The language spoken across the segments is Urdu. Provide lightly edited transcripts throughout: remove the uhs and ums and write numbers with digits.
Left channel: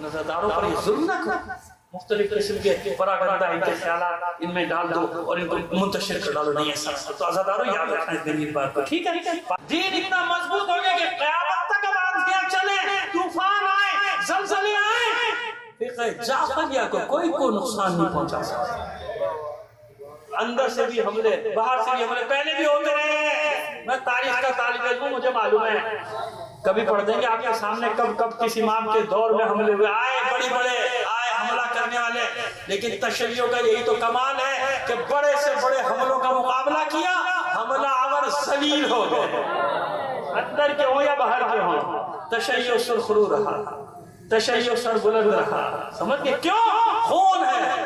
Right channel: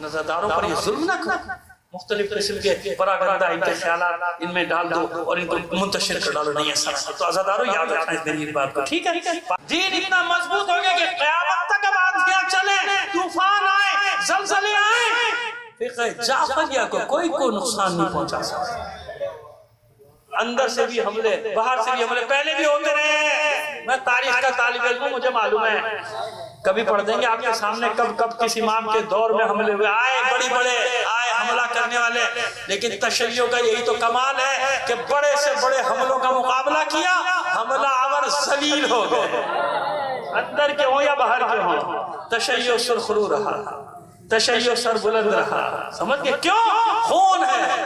نظرداروں پر یہ ظلم نہ کرو، مختلف قسم کے پراگندہ ان کے خیالات ان میں ڈال دو اور ان کو منتشر کر ڈالو، نہیں ایسا نہ۔ تو عزاداروں یاد رکھنا اس میری بات کو، ٹھیک ہے؟ دین اتنا مضبوط ہو گیا کہ قیامت تک اب آندھیاں چلیں، طوفان آئے، زلزلے آئیں، فقہ جعفریہ کو کوئی نقصان نہیں پہنچا سکتا۔ اندر سے بھی حملے، باہر سے بھی حملے پہلے بھی ہوتے رہے، میں تاریخ کا طالب علم ہوں، مجھے معلوم ہے، کبھی پڑھ دیں گے آپ کے سامنے کب کس امام کے دور میں حملے ہوئے، آئے بڑی بڑے آئے حملہ کرنے والے، لیکن تشیع کا یہی تو کمال ہے کہ بڑے سے بڑے حملوں کا مقابلہ کیا، حملہ آور ذلیل ہو گئے، اندر کے ہوں یا باہر کے ہوں، تشیع سرخرو رہا، تشیع سر بلند رہا، سمجھ گئے کیوں؟ خون ہے،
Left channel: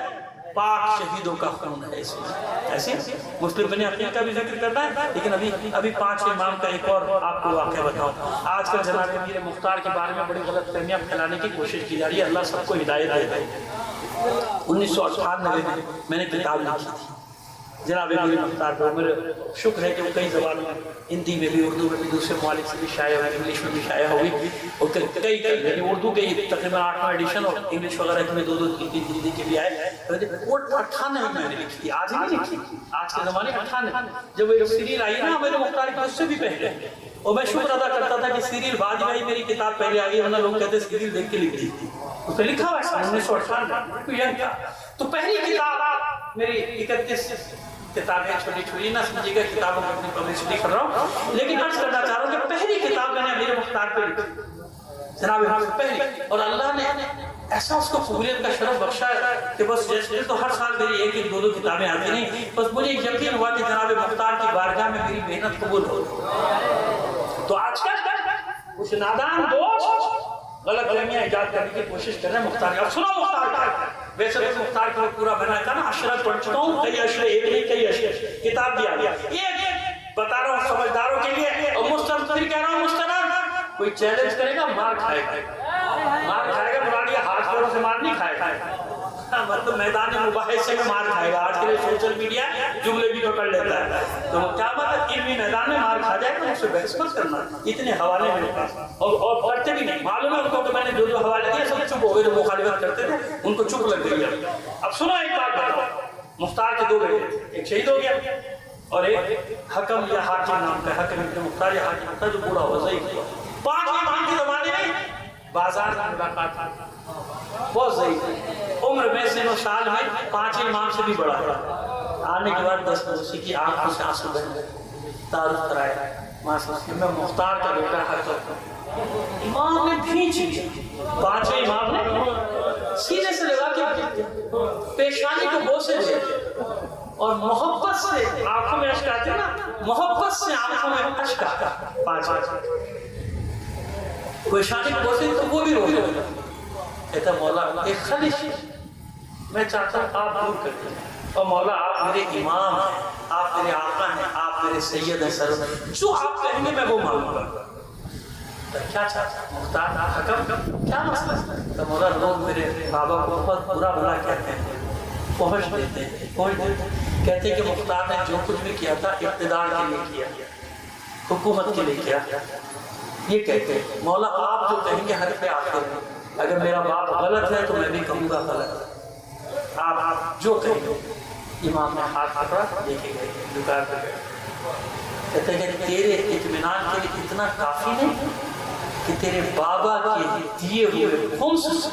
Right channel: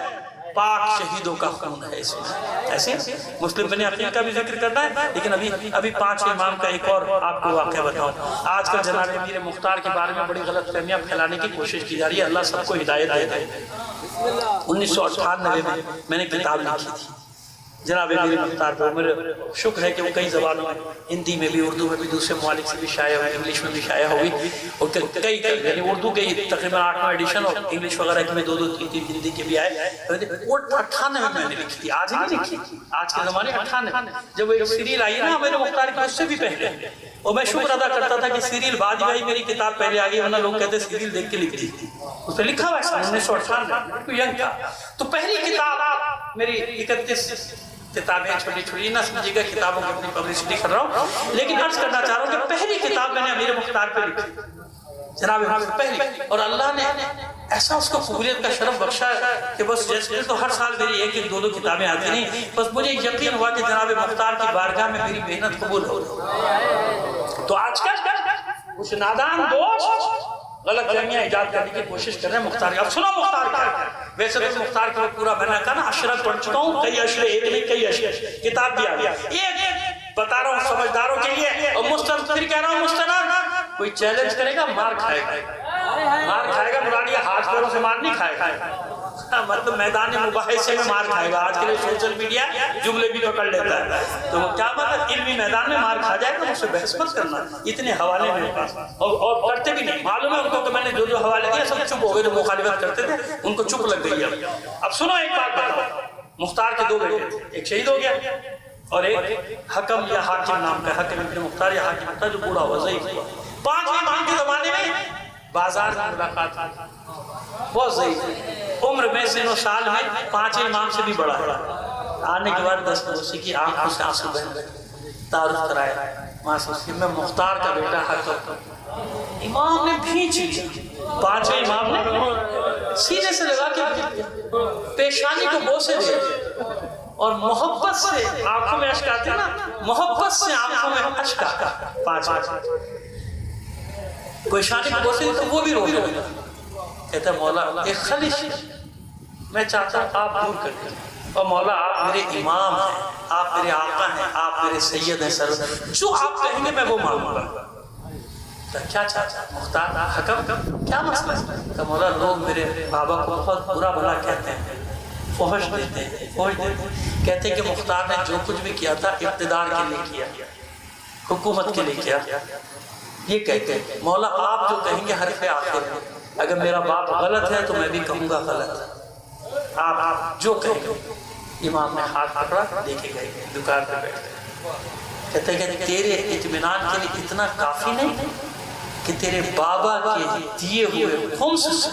پاک شہیدوں کا خون ہے اس میں۔ ایسے مسلم بن عقیل کا بھی ذکر کرنا ہے، لیکن ابھی 5 امام کا ایک اور آپ کو واقعہ بتاؤں۔ آج کل جناب امیر مختار کے بارے میں بڑی غلط فہمیاں پھیلانے کی کوشش کی جا رہی ہے، اللہ سب کو ہدایت دے دے۔ 1998 میں نے کتاب لکھی تھی جناب امیر مختار پر، میرے شکر ہے کہ وہ کئی زبانوں میں، ہندی میں بھی، اردو میں بھی، دوسرے ممالک سے بھی شائع ہوئی، انگلش میں بھی شائع ہوئی، اور کئی یعنی اردو کے تقریباً 8واں ایڈیشن اور انگلش وغیرہ کے میں 2 3 ہندی کے بھی آئے۔ وہ 98 میں نے لکھی تھی، آج نہیں لکھی، آج کے زمانے 98 جب ایک سیریل آئی نا امیر مختار کی، اس سے بھی پہلے، اور میں شکر ادا کرتا تھا کہ سیریل بعد میں آئی، میری کتاب پہلے آ گئی، ورنہ لوگ کہتے سیریل دیکھ کے لکھ دی تھی، اس پہ لکھا ہوا ہے 1998 تو پہلی کتاب میری 31 کتابیں چھوٹی چھوٹی، نہ سمجھے گا کتابوں کو اپنی پبلشٹی کر رہا ہوں، لیکن عرض کرنا چاہ رہا ہوں کہ پہلی کتاب میں نے امیر مختار پہ لکھی جناب پہلی، اور اللہ نے ایسا اس کو قبولیت کا شرف بخشا ہے کہ بس جیسے تو ہر سال میری 1-2 کتابیں آتی نہیں، بس مجھے یقین ہوا کہ جناب مختار کی بارگاہ میں میری محنت قبول ہو۔ تو آج کل کچھ نادان دوست غلط فہمیاں ایجاد کرنے کی کوشش کر رہے ہیں مختار کا۔ اب سنو مختار کا، ویسے تو مختار کا پورا بنا کہا نا، عشرت پڑھ چکا ہوں، کئی اشرے، ایک نہیں کئی اشرے، کتاب دیا گیا، ایک بتا رہا ہوں سمجھداروں کے لیے، اور مستند پھر کہہ رہا ہوں مستند، کوئی چیلنج کرے گا مار کھائے گا، مار کھائے گا، مراد یہ ہاتھ پیروں سے مار نہیں کھائے گا، مطلب میدان مباحثے میں مار کھائے گا۔ آج کے لیے سوشل میڈیا جملے بھی پکڑ لیتا ہے، تو کیا مطلب علمی میدان میں مار کھا جائے گا، اس سے بحث مت کرنا، اتنے حوالے میرے پاس، اور کرتے بھی نہیں، معلوم ہے ان کو کہ میں نے جو حوالے دیا سب چپ ہو گئے، جو مخالفت کرتے تھے ان کو چپ لگ گئی ہے۔ اب سنو ایک بات بتاؤ، مختار کے 2 بیٹے تھے، ایک شہید ہو گیا اور ایک حکم یا حاکم نام کا، حکم ابن مختار یا حاکم مختار، جو بوڑھا ہوا ضعیف ہوا۔ 5 امام کے زمانے میں بازار میں ملاقات ہوئی، بہت ضعیف، عمر میں سن و سال میں 5 امام سے بھی بڑا ہے، آنے کے بعد 10 اسی کی آنکھوں سے آنسو بہہ گئے، تعارف کرایا، میں مختار کا بیٹا حکم، امام نے بھینچ لیا، 5 امام نے سینے سے لگا کے پیشانی کو بوسے دے اور محبت سے آنکھوں میں اشک آتے نا، محبت سے آنکھوں میں اشک آتا، 5 پیشانی کو بوسے دے تو وہ بھی رو گئے، کہتا مولا ایک خلش میں چاہتا ہوں آپ دور کر دیں، اور مولا آپ میرے امام ہیں، آپ میرے آقا ہیں، آپ میرے سید ہیں، سرور، جو آپ کہیں گے میں وہ مانوں گا۔ کیا چاہتا مختار حکم کیا مسئلہ ہے؟ کہ مولا لوگ میرے بابا کو بہت برا بھلا کہتے ہیں، فحش دیتے ہیں، کہتے ہیں کہ مختار نے جو کچھ بھی کیا تھا اقتدار کے لیے کیا، حکومت کے لیے کیا، یہ کہتے ہیں مولا آپ جو کہیں گے حرف آخر ہے، اگر میرا باپ غلط ہے تو میں بھی کہوں گا غلط، آپ جو کہیں گے۔ امام نے ہاتھ پکڑا، دیکھے گئے دکان پہ بیٹھ، کہتے ہیں کہ تیرے اطمینان کے لیے اتنا کافی نہیں کہ تیرے بابا کے دیے ہوئے خمس سے،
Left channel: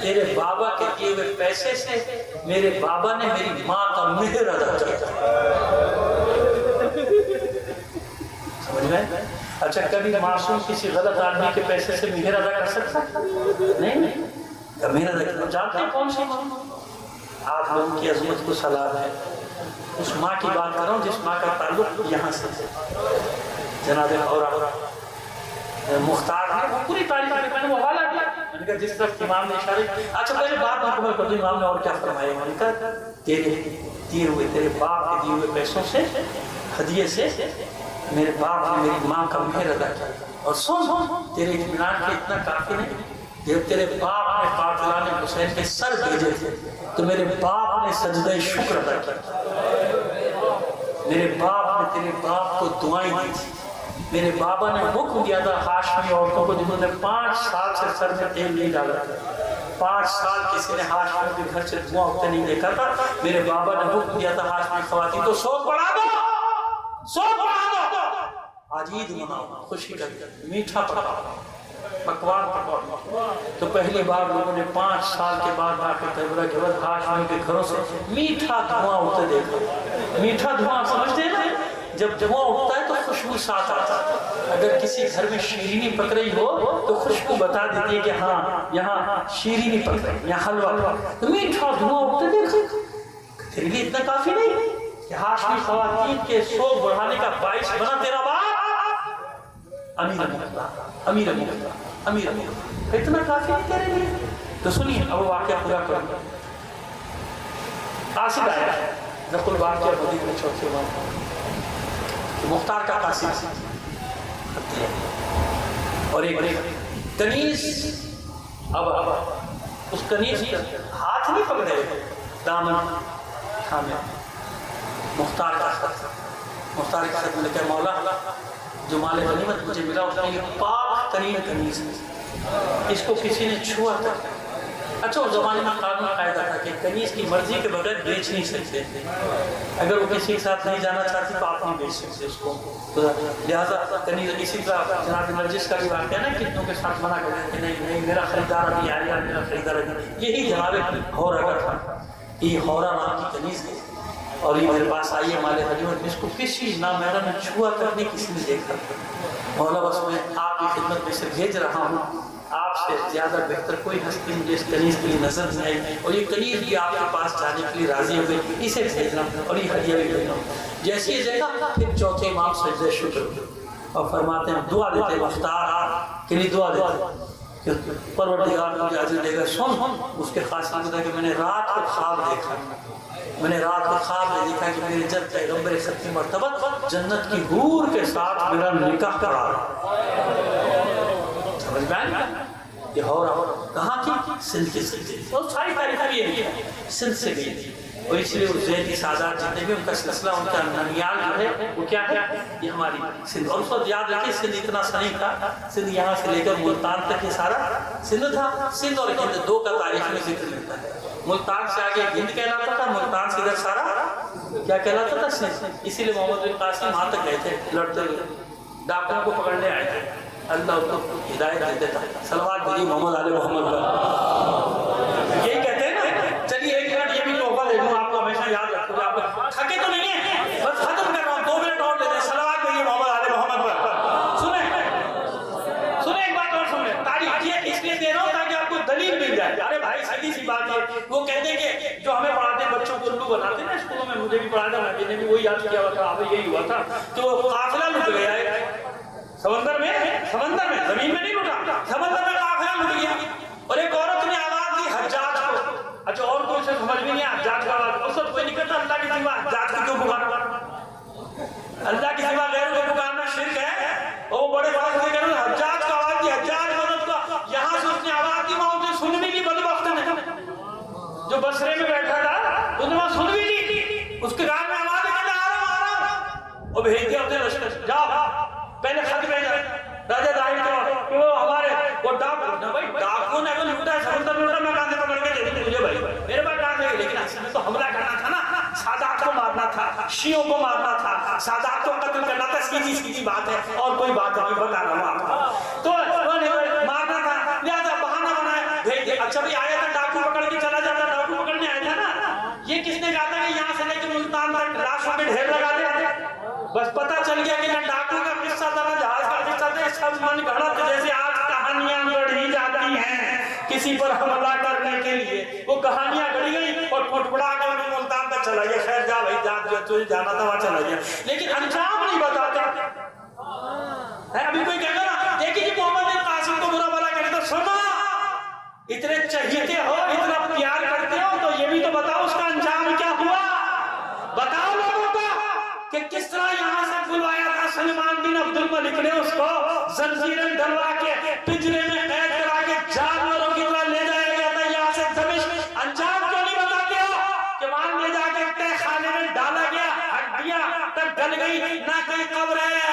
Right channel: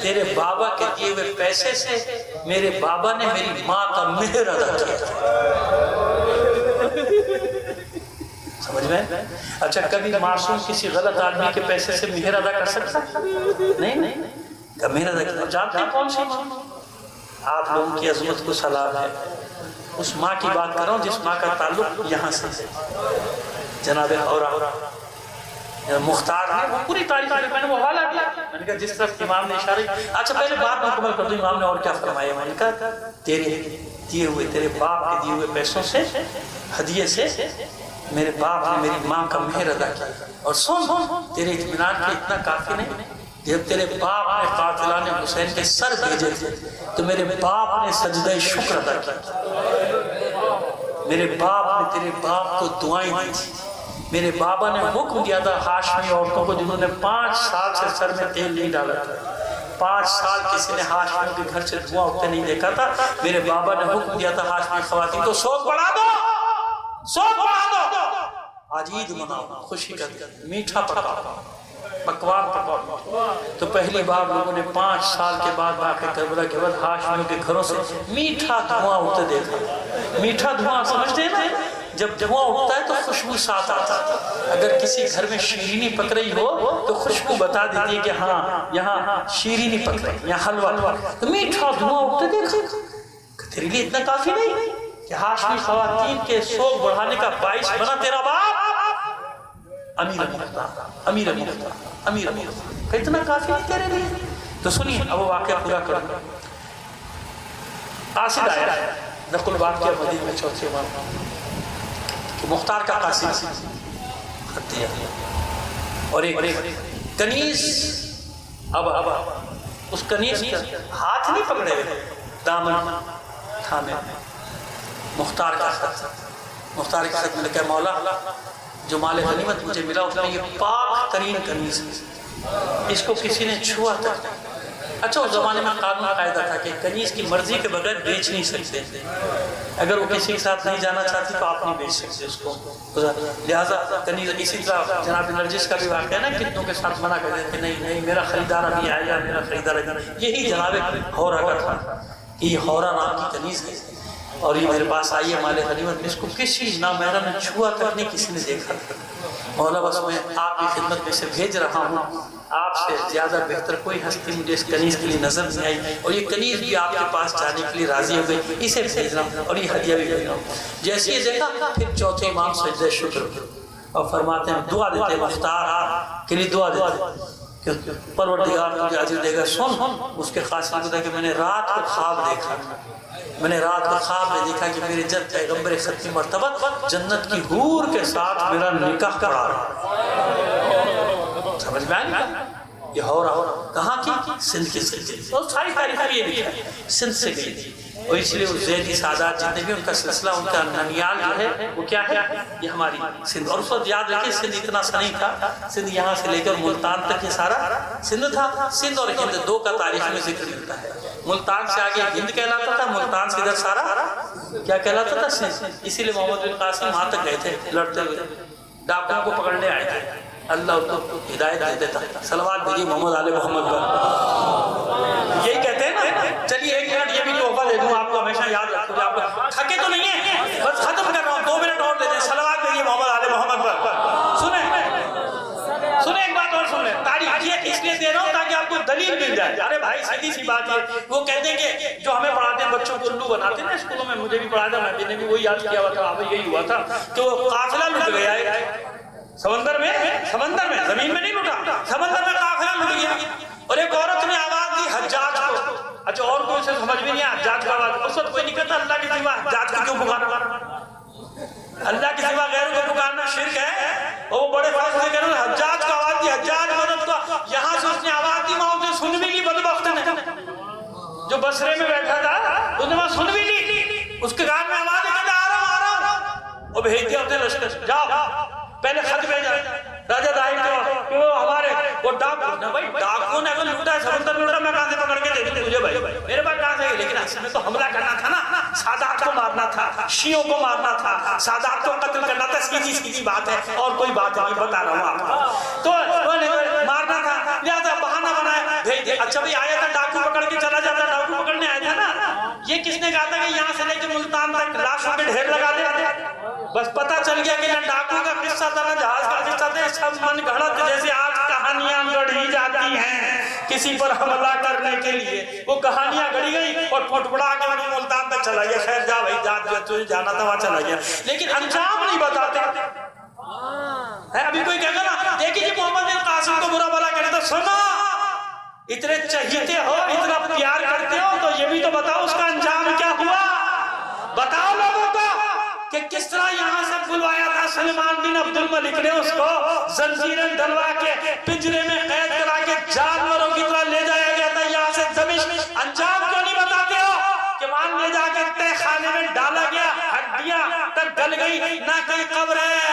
تیرے بابا کے دیے ہوئے پیسے سے میرے بابا نے میری ماں کا مہر ادا کیا، سمجھ میں؟ اچھا کبھی معصوم کسی غلط آدمی کے پیسے سے مہر ادا کر سکتا؟ نہیں، کہ مہر ادا کیا، جانتے ہیں کون سی ماں؟ آپ لوگوں کی عظمت کو سلام ہے، اس ماں کی بات کر رہا ہوں جس ماں کا تعلق یہاں سے جناب اور مختار نے وہ پوری تاریخ میں نے وہ حوالہ دیا، میں نے کہا جس طرح امام نے اشارے، اچھا پہلے بات مکمل کر دوں، امام نے اور کیا فرمایا؟ میں نے کہا تیرے دیے ہوئے، تیرے باپ کے دیے ہوئے پیسوں سے، ہدیے سے میرے باپ نے میری ماں کا مہر ادا کیا، اور سن تیرے اطمینان کے اتنا کافی نہیں، جب تیرے باپ نے قاتلان حسین کے سر بھیجے تھے تو میرے باپ نے سجدہ شکر ادا کیا، میرے باپ نے تیرے باپ کو دعائیں دی تھی، میرے بابا نے حکم دیا تھا ہاشمی عورتوں کو جنہوں نے 5 سال سے سر میں تیل نہیں ڈالا تھا، 5 سال کسی نے ہاشمی کے گھر سے دھواں اٹھتے نہیں دیکھا تھا، میرے بابا نے حکم دیا تھا ہاشمی خواتین کو سوگ بڑھا دو، سوگ بڑھا دو، آج عید مناؤ، خوشی کا میٹھا پکاؤ، پکوان پکاؤ۔ تو پہلی بار لوگوں نے 5 سال کے بعد واقع کربلا کے بعد ہاشمی کے گھروں سے میٹھا دھواں اٹھتے دیکھا۔ میٹھا دھواں سمجھتے ہیں، جب دھواں اٹھتا ہے تو خوشبو ساتھ آتا ہے۔ اگر کسی گھر میں شیرینی پک رہی ہو تو خوشبو بتا دیتی ہے کہ ہاں یہاں شیرینی پک رہی ہے، یہاں حلوہ پک رہا ہے۔ تو میٹھا دھواں اٹھتے دیکھا، تیرے لیے اتنا کافی نہیں کہ ہاشمی خواتین کے سوگ بڑھانے کا باعث بنا تیرا باپ امیر مختار، امیر مختار، امیر مختار، کہ اتنا کافی نہیں تیرے لیے؟ تو سنیے اب واقعہ پورا کروں۔ قاصد آیا نقل واقعہ مدینہ میں چوتھے امام کہ مختار کا قاصد خط دیا اور ایک کنیز، اب اس کنیز کا ہاتھ نہیں پکڑے ہوئے، دامن تھامے، مختار کا خط، مختار کے خط میں لکھا ہے مولا جو مال غنیمت مجھے ملا اس میں یہ پاک ترین کنیز ہے، اس کو کسی نے چھوا تک۔ اچھا اس زمانے میں قانون قاعدہ تھا کہ کنیز کی مرضی کے بغیر بیچ نہیں سکتے، اگر وہ کسی کے ساتھ نہیں جانا چاہتی تو آپ نہیں بیچ سکتے اس کو، لہٰذا کنیز۔ اسی طرح جناب نرجس کا بھی واقعہ ہے نا، کتنوں کے ساتھ منع کر دیتے کہ نہیں نہیں میرا خریدار ابھی آئے گا، میرا خریدار ابھی۔ یہی جناب ہورا کا تھا کہ یہ ہورا نام کی کنیز ہے اور یہ میرے پاس آئی ہے مال غنیمت میں، اس کو کسی نامحرم نے چھوا تک نہیں کسی نے دیکھا۔ مولا بس میں آپ کی خدمت میں سے بھیج رہا ہوں، آپ سے زیادہ بہتر کوئی ہستی مجھے اس کنیز کے لیے نظر نہیں آئی، اور یہ کنیز بھی آپ کے پاس جانے کے لیے راضی ہو گئی، اسے بھیج رہا ہوں اور یہ ہدیہ بھی بھیج رہا ہوں۔ جیسے یہ دیکھا پھر چوتھے امام سجدہ شکر اور فرماتے ہیں دعا دیتے مختار کے لیے دعا دیتے کہ پروردگار مجھے اجر دے گا۔ سن اس کے خاص ہوتا ہے کہ میں نے رات کو خواب دیکھا، میں نے رات کو خواب میں دیکھا کہ میرے جب پیغمبر ختمی مرتبہ جنت کی حور کے ساتھ میرا نکاح کرا رہا، سمجھ میں آئے؟ یہ ہو رہا کہاں کی؟ سندھ کے سلسلے اور ساری تاریخ بھی یہ لکھا ہے سندھ سے گئی تھی، اور اس لیے زیدی سادات جتنے بھی ان کا سلسلہ، ان کا ننیال جو ہے وہ کیا ہے؟ یہ ہماری سندھ۔ اور اس وقت یاد رکھیں سندھ اتنا سا نہیں تھا، سندھ یہاں سے لے کر ملتان تک یہ سارا سندھ تھا۔ سندھ اور ہند دو کا تاریخ میں ذکر ملتا ہے، ملتان سے آگے ہند کہلاتا تھا، ملتان سے ادھر سارا کیا کہلاتا تھا؟ سندھ۔ اسی لیے محمد بن قاسم وہاں تک گئے تھے لڑتے ہوئے، ڈاکوؤں کو پکڑنے آئے تھے، اللہ ان کو ہدایت دے دیتا۔ صلوات بھیجیے محمد آل محمد پر۔ یہی کہتے ہیں نا، چلیے 1 منٹ یہ بھی تحفہ دے دوں آپ کو، ہمیشہ یاد رکھو، آپ تھکے تو نہیں ہیں، بس ختم کر رہا ہوں، 2 منٹ اور دے دیں، صلوات بھیجیے محمد آل محمد پر۔ سنیں ایک بات اور سن لیں، تاریخ یہ اس لیے دے رہا ہوں تاکہ آپ کو دلیل مل جائے۔ ارے بھائی سیدھی سی بات ہے، وہ کہتے ہیں کہ جو ہمیں پڑھاتے ہیں بچوں کو الو بناتے ہیں نا اسکولوں میں، مجھے بھی پڑھایا تھا، میں نے بھی وہی یاد کیا ہوا تھا، اب یہی ہوا تھا کہ وہ قافلہ لٹ گیا ہے سمندر میں، زمین میں نہیں لٹا، سمندر میں قافلہ لٹ گیا، اور ایک عورت نے آواز دی حجاج کو۔ اچھا اور کوئی سے سمجھ بھی نہیں آیا حجاج کا آواز، اس وقت کوئی نہیں کہتا اللہ کے سوا حجاج کو کیوں پکارا؟ اللہ کے سوا غیروں کو پکارنا شرک ہے، اور وہ بڑے فاصلے سے کہہ رہے ہیں حجاج کا آواز دی، حجاج مدد کا، یہاں سے اس نے آواز دی، وہاں اسے سن بھی لی بدبخت نے، جو بصرے میں بیٹھا تھا اس نے وہاں سن بھی لی، اس کے کان میں آواز ہے کہتا آ رہا ہوں، اور بھیج دیا اپنے لشکر، جاؤ پہلے خط بھیجا راجہ داہر کو کہ وہ ہمارے وہ ڈاکو نہ، بھائی ڈاکو نے اگر لوٹا ہے سمندر میں لوٹا، میں کہاں سے پکڑ کے دے دوں تجھے بھائی، میرے پاس کہاں سے؟ لیکن اصل میں تو حملہ کرنا تھا نا، سادات کو مارنا تھا، شیعوں کو مارنا تھا، سادات کو قتل کرنا تھا، سیدھی بات ہے، اور کوئی بات نہیں بتا رہا ہوں آپ کو، تو مارنا تھا، لہذا بہانہ بنایا بھیج دیا۔ اچھا بھائی آیا تھا ڈاکو پکڑ کے چلا جاتا، ڈاکو پکڑنے آیا تھا نا، یہ کس نے کہا تھا کہ یہاں سے لے کے ملتان تک لاشوں کے ڈھیر لگا دے؟ بس پتہ چل گیا کہ نہ ڈاکو کا قصہ تھا نہ جہاز کا قصہ تھا، سب من گھڑت جیسے آج کہانیاں گڑھی جاتی ہیں کسی پر حملہ کرنے کے لیے، وہ کہانیاں گڑھی گئی اور پھٹپڑا کے وہ ملتان تک چلا گیا، خیر جا بھائی جا تجھے جانا تھا وہاں چلا گیا، لیکن انجام نہیں بتاتے ہیں۔ ابھی کوئی کہے گا نا دیکھیے جی محمد بن قاسم کو برا بھلا کرے تو سنو، اتنے چہیتے ہو، اتنا پیار کرتے ہو، تو یہ بھی تو بتاؤ اس کا انجام کیا ہوا، بتاؤ لوگوں کو کہ کس طرح یہاں سے بلوایا تھا سلمان بن عبد الملک نے، اس کو زنجیریں ڈلوا کے پنجرے میں قید کرا کے جانوروں کی طرح لے جایا گیا تھا یہاں سے دمشق، انجام کیوں نہیں بتاتے ہو کہ وہاں لے جا کے تہہ خانے میں ڈالا گیا، ہڈیاں تک گل گئی، نہ کہیں قبر ہے،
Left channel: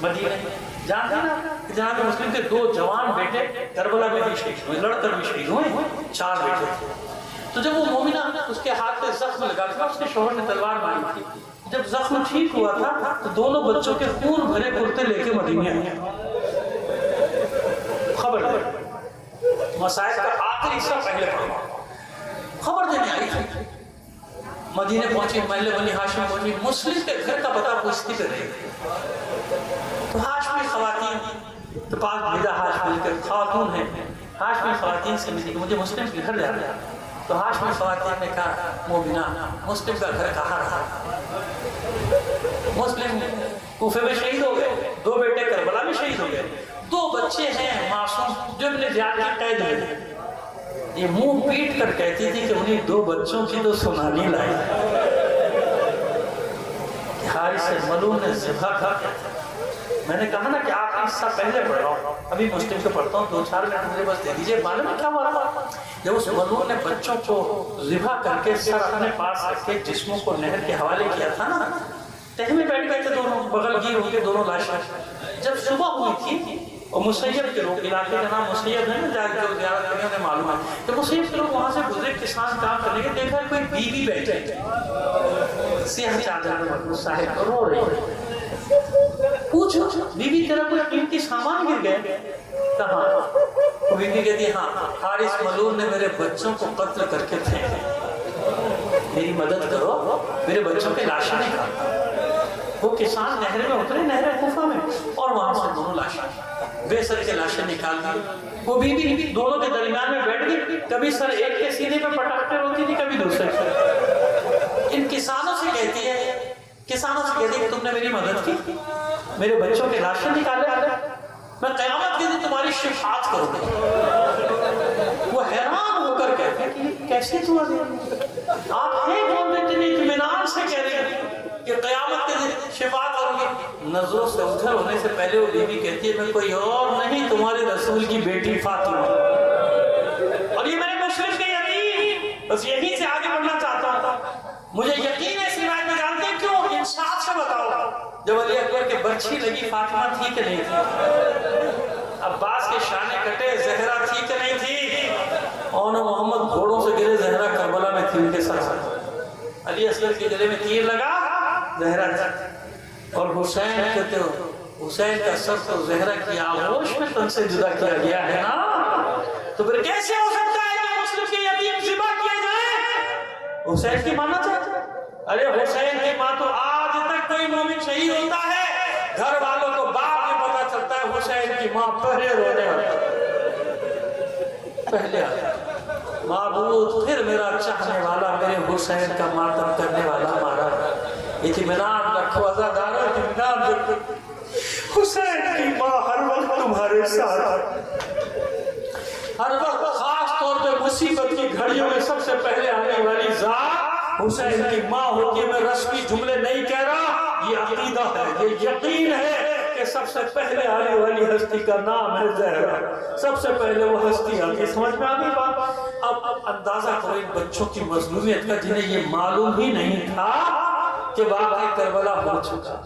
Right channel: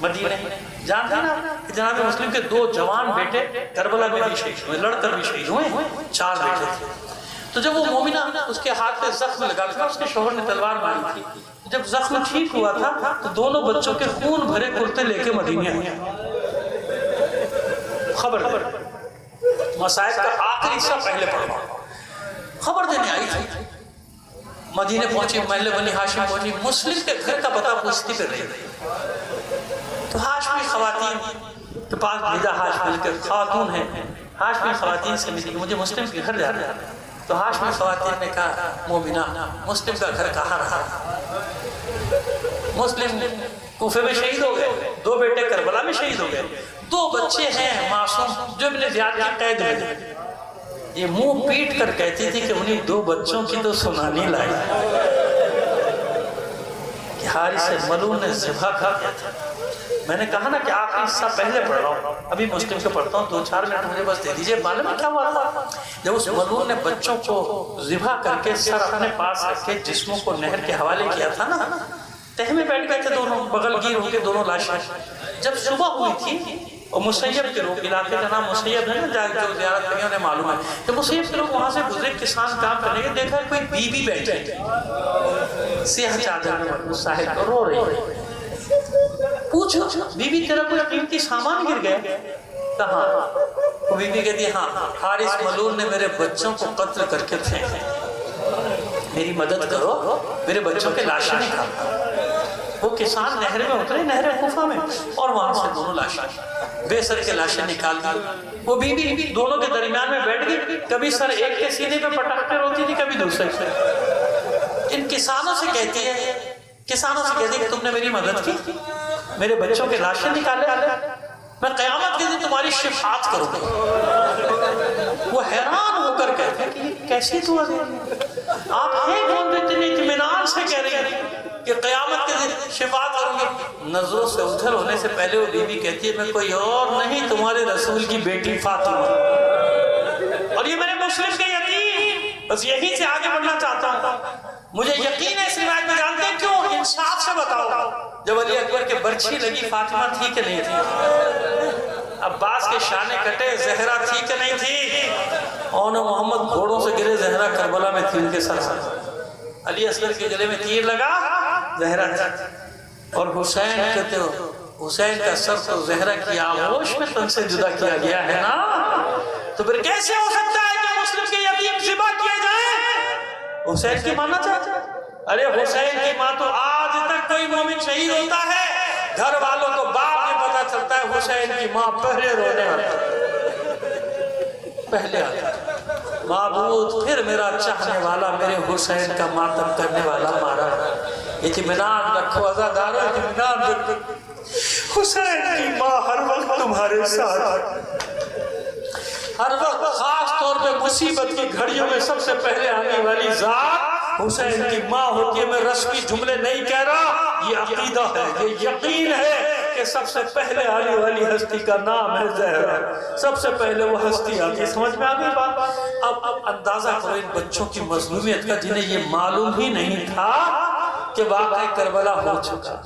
مدینے جانتے ہیں نا کہ جناب مسلم کے 2 جوان بیٹے کربلا میں بھی شہید ہوئے، لڑ کر بھی شہید ہوئے، 4 بیٹے تھے۔ تو جب وہ مومنہ اس کے ہاتھ پہ زخم لگا تھا، اس کے شوہر نے تلوار ماری تھی، جب زخم ٹھیک ہوا تھا تو دونوں بچوں کے خون بھرے کرتے لے کے مدینے آئے۔ خبر مسائل کا آخری حصہ پہلے پڑھوا، خبر دینے آئی تھی۔ مدینے پہنچی، محلے بنی ہاشم پہنچی، مسلم کے گھر کا پتہ پوچھتی کر رہی تھی۔ تو ہاشمی خواتین کے پاس بھیجا، ہاشمی کے خاتون ہیں، ہاشمی خواتین سے ملی کہ مجھے مسلم کے گھر جانا ہے۔ تو ہاشمی خواتین نے کہا مومنہ مسلم کا گھر کہاں رہا؟ مسلم کوفے میں شہید ہو گئے، 2 بیٹے کربلا میں شہید ہو گئے، 2 بچے ہیں معصوم جو ابن زیاد کی قید میں تھے۔ یہ منہ پیٹ کر کہتی تھی کہ انہیں 2 بچوں کی تو سنانی لائی کہ حارث ملعون نے ذبح کر دیا تھا۔ میں نے کہا نا کہ آخری حصہ پہلے پڑھ رہا ہوں، ابھی مسلم کے پڑھتا ہوں، 2-4 منٹ مجھے بس دے دیجئے۔ معلوم ہے کیا ہوا تھا؟ جب اس ملعون نے بچوں کو ذبح کر کے سر اپنے پاس رکھ کے جسموں کو نہر کے حوالے کیا تھا نا، تہ میں بیٹھ گئے تھے دونوں، بغل گیر ہو کے دونوں لاشیں۔ جب صبح ہوئی تھی اور مسیب کے لوگ، علاقے کا نام مسیب ہے نا، جو زیارت کریں انہیں معلوم ہے، جب مسیب کے لوگ وہاں سے گزرے کسان کام کرنے کے، دیکھا کوئی بی بی بیٹھے سیاہ چادر میں صاحب رو رہی ہے۔ پوچھو بی بی تیرا کوئی قیمتی سامان گر گئے؟ کہاں؟ وہ بی بی کہتی ہاں، حارث ملعون نے میرے بچوں کو قتل کر کے پھینکا، میری مدد کرو، میرے بچوں کے لاشیں نکالو۔ وہ کسان نہر میں اترے، نہر کوفہ میں، اور وہاں سے دونوں لاشیں، بے سر کے لاشیں نکال دی۔ وہ بی بی دونوں کے درمیان میں بیٹھ گئی، کبھی سر ایک کے سینے پہ پٹک کر روتی تھی، کبھی دوسرے سے۔ ان کسانوں سے کہتی ہے کہ تم نے میری مدد کی، میرے بچوں کے لاشیں نکالے، میں قیامت کے دن تمہاری شفاعت کروں گا۔ وہ حیران ہو کر کہتے ہیں کہ یہ کیسی دعا دی؟ آپ ہیں کون جو اتنی اطمینان سے کہہ رہے ہیں کہ قیامت کے دن شفاعت کروں گی؟ نظروں سے اوجھل ہونے سے پہلے وہ بی بی کہتی ہے میں کوئی اور نہیں، تمہارے رسول کی بیٹی فاطمہ، اور یہ میرے مسلم کے یقین، بس یہی سے آگے بڑھنا چاہتا ہوں۔ مجھے یقین ہے اس روایت میں، جانتے ہیں کیوں؟ انصاف سے بتاؤ، جب علی اکبر کے برچھی لگی فاطمہ تھی کہ نہیں تھی؟ عباس کے شانے کٹے زہرا تھی کہ نہیں تھی؟ اور محمد گھوڑوں سے گرے، زہرا کربلا میں تھی ان کے سر سے، علی اصغر کے گلے میں تیر لگا، زہرا تھی، اور حسین کہتے ہو حسین کا سر تو زہرا کی آغوش میں تن سے جدا کیا گیا ہے نا، تو پھر کیسے ہو سکتا ہے کہ مسلم کے یتیم ذبح کیے جائیں؟ حسین کی ماننا چاہتے ہیں؟ ارے حسین کی ماں تو آج تک کوئی مومن شہید ہوتا ہے گھر والوں کو بعد میں پتا چلتا ہے، حسین کی ماں پہلے رونے آتا ہے، معبود پھر میرا چاہنے والا میرے حسین کا ماتم کرنے والا مارا، اطمینان رکھو عزادارو، اطمینان رکھو، حسین کی ماں ہر وقت تمہارے ساتھ، ہر وقت، خاص طور پہ مصیبت کی گھڑیوں میں سب سے پہلے آنے والی ذات حسین کی ماں ہوتی ہے۔ میں رسمی جملے نہیں کہہ رہا، یہ عقیدہ ہے، یہ یقین ہے کہ سب سے پہلے آنے والی ہستی کا نام ہے زہرا، سب سے پہلے وہ ہستی آتی ہے۔ سمجھ میں آگئی بات؟ اب اندازہ کرو ان بچوں کی مظلومیت کا جنہیں یہ معلوم ہی نہیں تھا کہ واقعہ کربلا ہو چکا،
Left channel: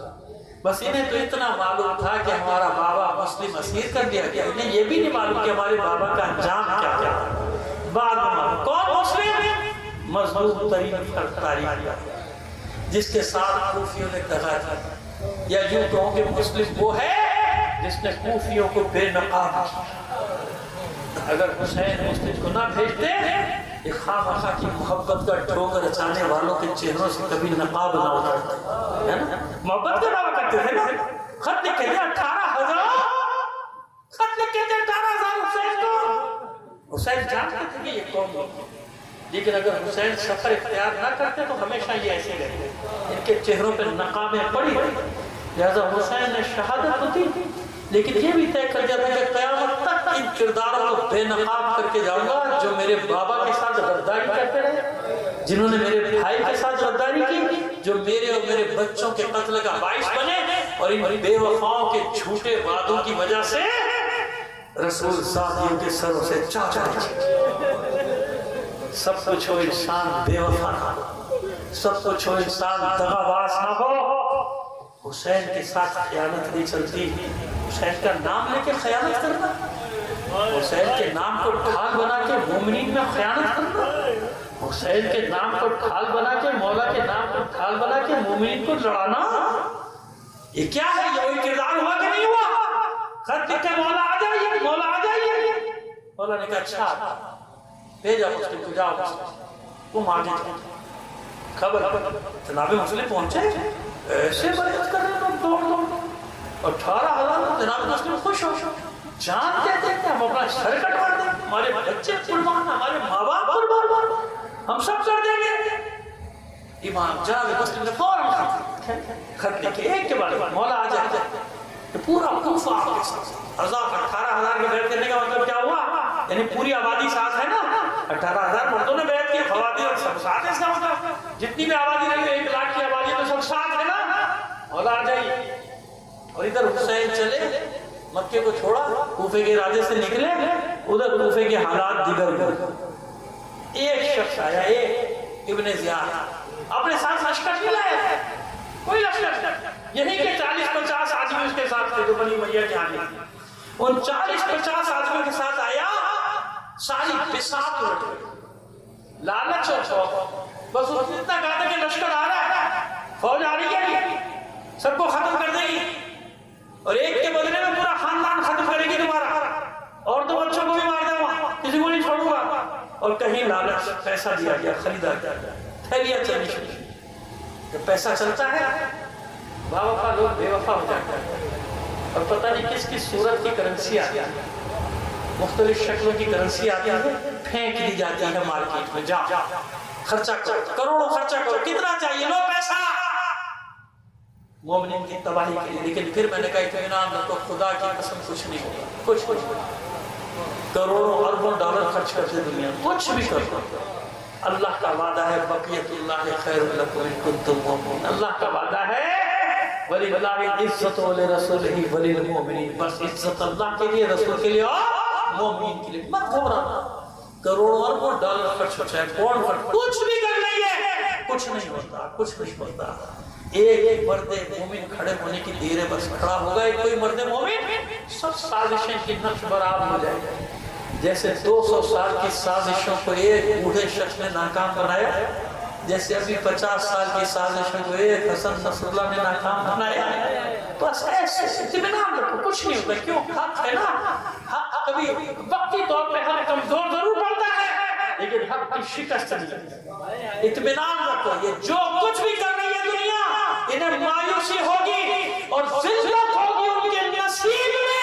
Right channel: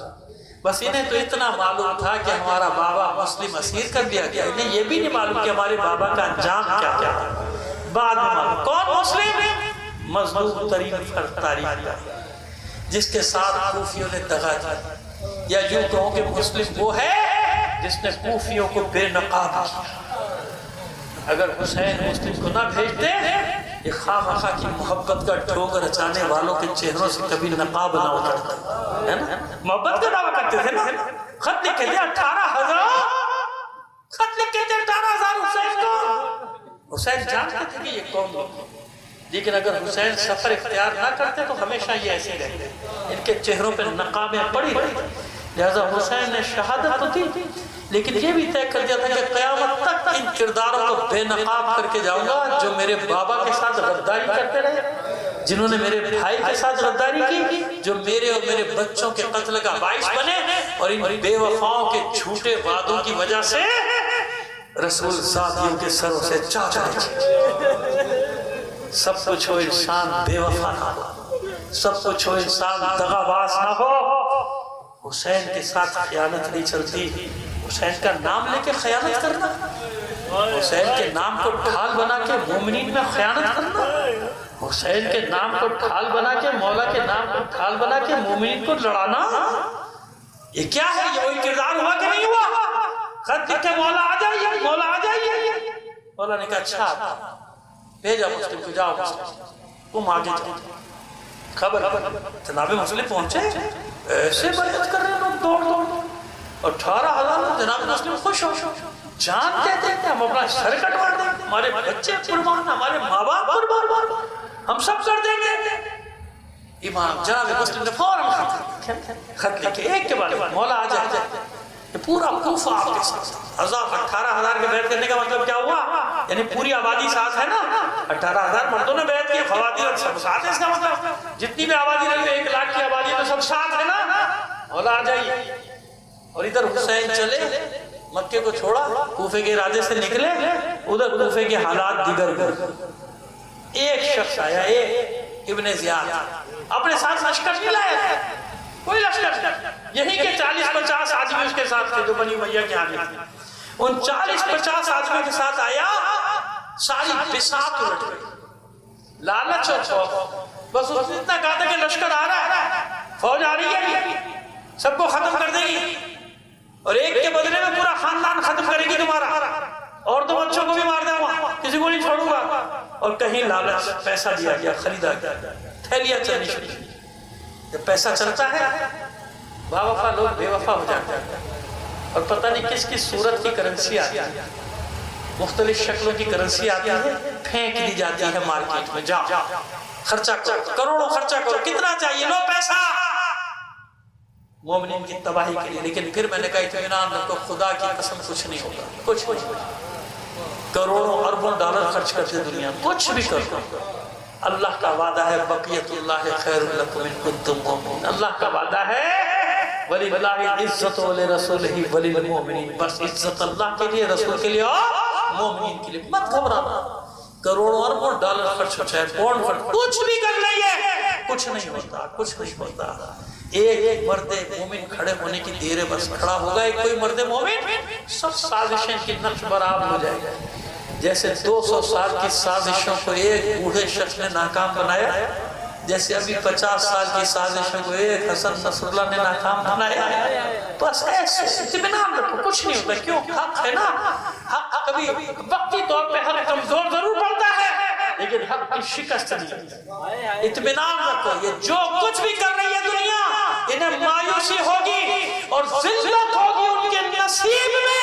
بس انہیں تو اتنا معلوم تھا کہ ہمارا بابا مسلم اسیر کر دیا گیا، انہیں یہ بھی نہیں معلوم کہ ہمارے بابا کا انجام کیا کیا تھا۔ بعد میں معلوم کون مسلم؟ مظلوم ترین فرد تاریخ کا، جس کے ساتھ کوفیوں نے دغا کی، یا یوں کہوں کہ مسلم وہ ہے جس نے کوفیوں کو بے نقاب کیا۔ اگر حسین مسلم کو نہ بھیجتے، یہ خواہ کی محبت کا ڈھونگ رچانے والوں کے چہروں سے کبھی نقاب نہ اترتا ہے نا، محبت کا دعویٰ کرتے تھے نا، خط لکھ کے دیا 18,000، خط لکھ کے دیا 18,000 حسین کو۔ حسین جانتے تھے کہ یہ کون لوگ، لیکن اگر حسین سفر اختیار نہ کرتے تو ہمیشہ یہ ایسے رہتے، ان کے چہروں پہ نقابیں پڑی رہی، لہذا حسین نے شہادت تو دی، لیکن یہ بھی طے کر دیا تھا کہ قیامت تک ان کرداروں کو بے نقاب کر کے جاؤں گا جو میرے بابا کے ساتھ غداری کرتے رہے، جنہوں نے میرے بھائی کے ساتھ غداری کی، جو میرے اور میرے بچوں کے قتل کا باعث بنے، اور ان بے وفاؤں کے جھوٹے وعدوں کی وجہ سے رسول ذاتیوں کے سروں سے چاچا سب کچھ ہو انسان بے وفا نہ ہو، سب کچھ ہو انسان دغاباز نہ ہو، حسین کے ساتھ خیانت نہیں چلتی. حسین کا نام لے کے خیانت کرنا, حسین کے نام کو ڈھال بنا کے مومنین میں خیانت کرنا, حسین کے نام کو ڈھال بنا کے, مولا کے نام کو ڈھال بنا کے مومنین کو لڑانا, یہ کیا ہے؟ یہ وہی کردار ہوا کہ نہیں ہوا؟ خط لکھ کے مولا آ جائیے, مولا آ جائیے. مولا نے کہا اچھا بھیجا مسلم کو, جاؤ مسلم تم آگے جاؤ. خبر جناب مسلم پہنچے, ایسے بیعت کر رہے لوگ دوڑ دوڑ, 18,000 جناب مسلم خوش ہو, جان کہتے ہیں ہم اپنا سر کٹوا دیں, ہمارے بچے قربان, ہمارے ماں باپ قربان, ہم سب کر دیں گے. امام جناب مسلم نے فوراً خط لکھے, ایک کے بعد مولا آ جائے. پورا کوفہ آپ کے ساتھ, 18,000 کے بیعت کرنے کا مطلب کیا ہوا؟ یعنی پوری آبادی ساتھ ہے نا, 18,000 مردوں نے بیعت کی, خواتین سب ساتھ ہے. اس کا مطلب جتنی بھی آبادی رہی ہے, 1 لاکھ کی آبادی تو سب ساتھ ہے نا. مولا آ جائیے. اور ادھر حسین چلے, مکے کو چھوڑا, کوفے کے ارادے سے نکلے, ادھر کوفے کے حالات دیگر ہوئے. ایک شخص آیا, ایک ابن زیاد, اپنے ساتھ لشکر نہیں لایا, کوئی لشکر, یہی کہ 40-50 آدمی اس کے ساتھ تھے جو بنی امیہ کے آنے تھے. ان 40-50 آدمی کے ساتھ آیا, ساری بساط الٹ گئی, لالچ اور خوف. بس اس نے اتنا کہا تھا کہ لشکر آ رہا ہے, فوج آ رہی ہے, سب کو ختم کر دے گی, اور ایک کے بدلے میں پورا خاندان ختم کرے گی تمہارا, اور 2 بچوں کو بھی مار دوں گا, کسی کو نہیں چھوڑوں گا. اور کہیں لالچ, پیسہ دیا گیا, خریدا گیا, تھیلیاں چلنی شروع. جب پیسہ چلتا ہے با وفا لوگ بے وفا ہو جاتے ہیں, اور پتہ نہیں کس کس صورت کی کرنسی آتی ہے, مختلف شکلوں کی کرنسی آتی ہے, پھینک دی جاتی ہے مارکیٹ میں. جاؤ خرچہ کرو, کروڑوں خرچہ کرو, کتنا چاہیے لو پیسہ, مومنین کی تباہی کے لیے. لیکن پھر میں نے کہا اطمینان رکھو, خدا کی قسم کچھ نہیں ہوگا, کچھ نہیں. کروڑوں اربوں ڈالر خرچ کرتے دنیا, کچھ بھی کرو, اللہ کا وعدہ ہے بقیت اللہ خیر لکم ان کنتم مؤمنین. اللہ کا وعدہ ہے وَلِلَّهِ الْعِزَّةُ وَلِرَسُولِهِ وَلِلْمُؤْمِنِينَ. بس عزت اللہ کے لیے, رسول کے لیے اور مومنین کے لیے. مت گھبرانا, کروڑوں اربوں ڈالر خرچ ہو چاہے پاؤنڈ خرچ, کچھ بھی کر لیں, کچھ نہیں ہوتا, کچھ نہیں ہوتا. ایک مرد مومن کھڑے ہونے کی دیر ہے, بس کھڑا ہوگا ایک کوئی مرد مومن, سب سازشیں کی نقش برآب ہو جائے گا. جیسے 200 سال کی سازشوں کو ایک بوڑھے شخص نے ناکام بنایا, جیسے ابھی 50 سال کی سازشوں کو ایک حسن نصر اللہ نے ناکام بنایا. بس ایسے اطمینان رکھو, کچھ نہیں ہوتا. کیوں؟ حق ہے نا, حق کبھی وقتی طور پہ حق کمزور ضرور پڑتا ہے, لیکن حق کی شکست نہیں. اطمینان رکھو, یہ جو کچھ بھی کر رہی ہے دنیا, انہیں مایوسی ہوگی اور ذلت ہوگی ان کے نصیب میں.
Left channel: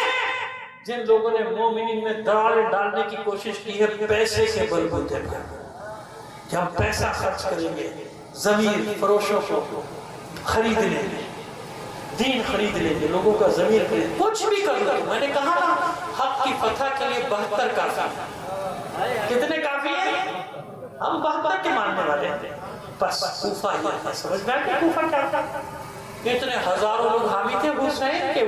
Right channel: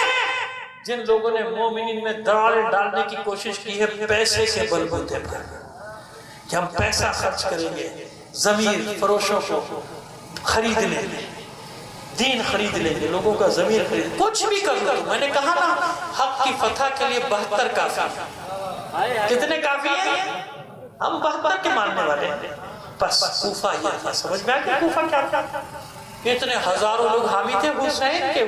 جن لوگوں نے مومنین میں دراڑیں ڈالنے کی کوشش کی ہے پیسے کے بلبوتے پر, کہ ہم پیسہ خرچ کریں گے, ضمیر فروشوں کو خرید لیں گے, دین خرید لیں گے, لوگوں کا ضمیر خرید, کچھ بھی کر لو. میں نے کہا نا, حق کی فتح کے لیے 72 کافی. کتنے کافی ہیں؟ ہم 72 کے ماننے والے ہیں. بس کوفہ یہ تھا, سمجھ میں آیا کوفہ کیا تھا؟ اتنے ہزاروں لوگ حامی تھے حسین کے,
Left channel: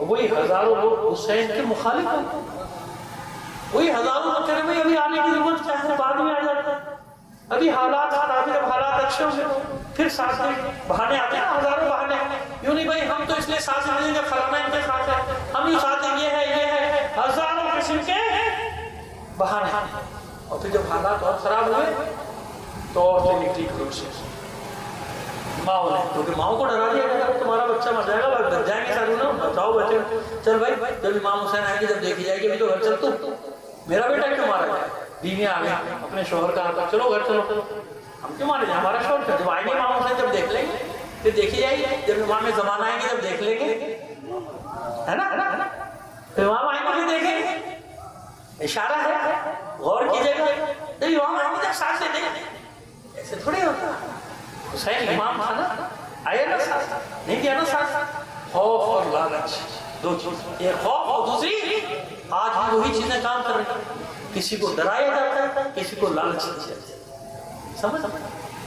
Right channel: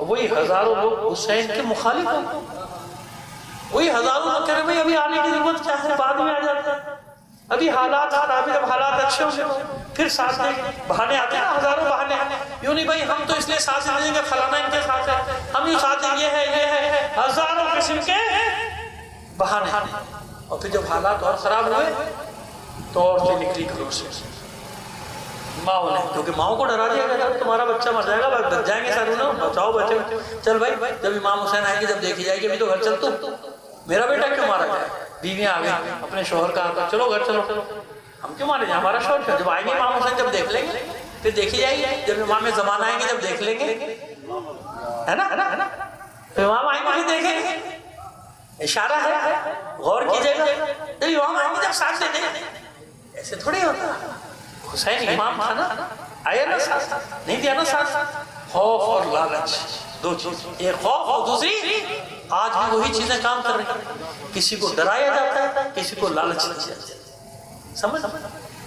وہی ہزاروں لوگ حسین کے مخالف ہیں. وہی ہزاروں لوگ کہہ رہے ہیں ابھی آنے کی ضرورت کیا ہے, بعد میں آ جاتا ہے, ابھی حالات خراب ہے, جب حالات اچھے ہوں گے پھر ساتھ دیں گے. بہانے آتے ہیں نا, ہزاروں بہانے. یوں نہیں بھائی ہم تو اس لیے ساتھ دیں گے, فلانا ان کے ساتھ ہے, ہم یوں ساتھ دیں, یہ ہے, ہزاروں قسم کے بہانے. اور پھر جب حالات اور خراب ہوئے تو عورتیں نکلی گھروں سے, ماؤں نے, کیونکہ ماؤں کو ڈرا دیا گیا تمہارا بچہ مر جائے گا, بچ جائیں گے سارے لوگ, بچاؤ بچے. چل بھائی, جب امام حسین آئے گے, جب دیکھی جائے گی ابھی تو گھر چل, تو میرا بیٹا کیوں مارا جائے؟ بیویاں آ گئی, اپنے شوہر کا آتا, چلو گھر چلو, ہم کیوں مارے جائیں, ہمارا شوہر. جب آئیں گے امام حسین, جب دیکھ لیں گے, پھر دیکھی جائے گی. جب امام زمان آئیں گے, جب دیکھ لیں گے, ہے نا, تو امام آئیں گے, دیکھیں گے, اشارہ ہے, غور کیجئے گا. جب امام آئیں گے, جب ساتھ دے دیں گے, ایسے تھوڑی ہوتا. حسین امام تھا نا, آیا نا ساتھ, نہیں دیا نا ساتھ. خوف اور لالچ, 2 چیز, ایک خوف اور دوسری, آج بھی وہی چیزیں کام کر رہی ہیں. کسی کو ڈرایا جاتا ہے, کسی کو لالچ دیا جاتا ہے, سمجھ.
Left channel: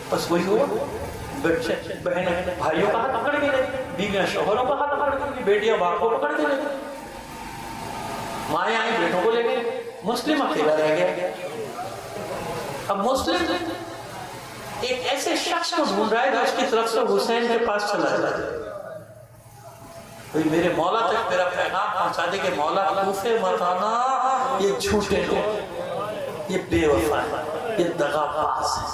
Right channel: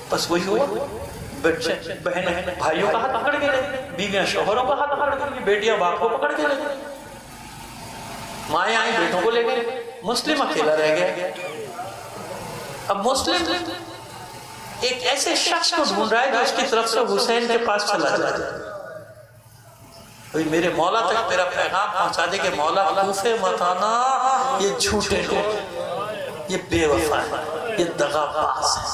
بس وہی ہوا, بچے بہنیں بھائیوں کا ہاتھ پکڑ کے لے, بیویاں شوہروں کا ہاتھ پکڑ کے لے, بیٹیاں باپ کو پکڑ کے لے, مائیں آئیں بیٹوں کو لے گئے, مسلم اکیلا رہ گیا. اب مسلم ایک ایسے شخص کو ڈھونڈ رہا ہے جو اس کی طرف سے حسین کے پاس چلا جائے، کوئی میرے مولا تک میرا پیغام پہنچا دے کہ مولا کوفے مت آنا، یہ جھوٹے لوگ، یہ بے وفا ہے، یہ دغا باز ہے،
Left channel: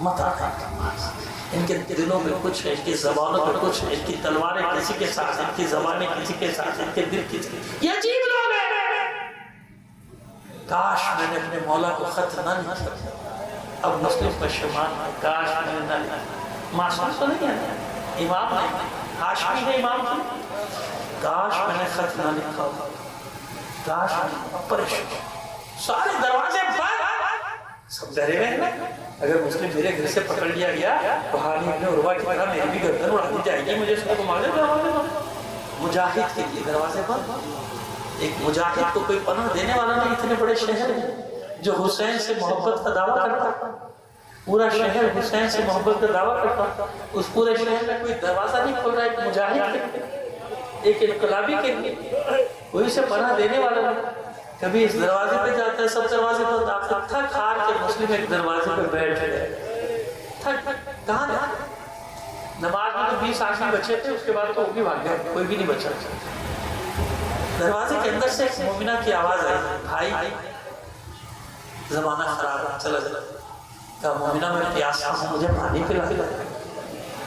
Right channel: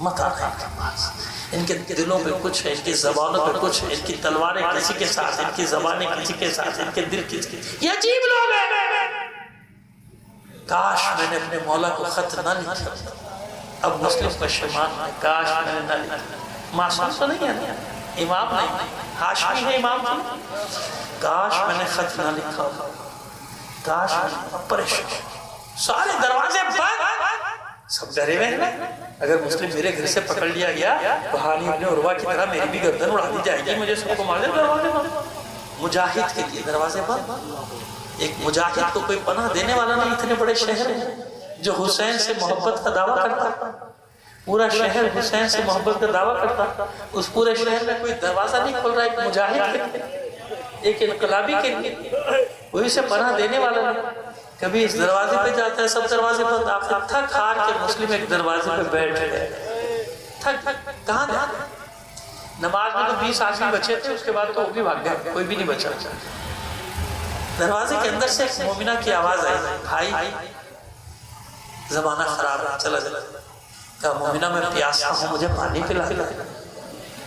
مت آنا ان کے پاس، ان کے دلوں میں کچھ ہے، ان کی زبانوں میں کچھ ہے، ان کی تلواریں کسی کے ساتھ، ان کی زبانیں کسی کے ساتھ، ان کے دل کسی کے ساتھ، یہ عجیب لوگ ہیں۔ کاش میں نے اپنے مولا کو خط نہ لکھا، اب مسلم کا شمال ہے، کاش میں نے نہ لکھا، معصوم تو نہیں ہے، امام نہیں، ہاشمی ہے امام کی، کاش میں نے خط نہ لکھا، کاش میں نے پریشان، سارے دروازے بند، سب ڈرے ہوئے ہیں، اگر مسلم میرے گھر سے پکڑ لیا گیا تو حالی ابن عروہ کی طرح میری بھی گردن اڑا دی جائے گی، مجھے سب کو مار دے، دروازے بند، مجاہد کے لیے دروازے بند، ایک مجاہد کو کوئی پناہ دینے والا نہیں، اتنے بڑے شہر ہیں جو حسین سے محبت کا دعویٰ کرتا، پورا شہر حسین سے محبت کا دعویٰ کرتا، اس پورے شہر میں کوئی دروازہ نہیں کھول رہا، ایک مجاہد کے لیے، ایک انقلابی کے لیے کوئی اسے پناہ دینے والا نہیں، کبھی اس دروازے پہ جاتا ہے، سب دروازے پر داخل، تھک ہار کے مسلم ایک دروازے پہ بیٹھ گئے، تھک کہاں گیا، نماز میں تو 20 آدمی بچے تھے، اس کے بعد تو وہ بھی بھاگ گئے، کوئی بھی نہیں بچا، دروازے کے اندر سے ایک مومنہ کی آواز آئی، بھائی زمانہ خراب ہے، چلا چلا، کہا مومنہ میں پیاسا ہوں، مجھے پانی پلا دے،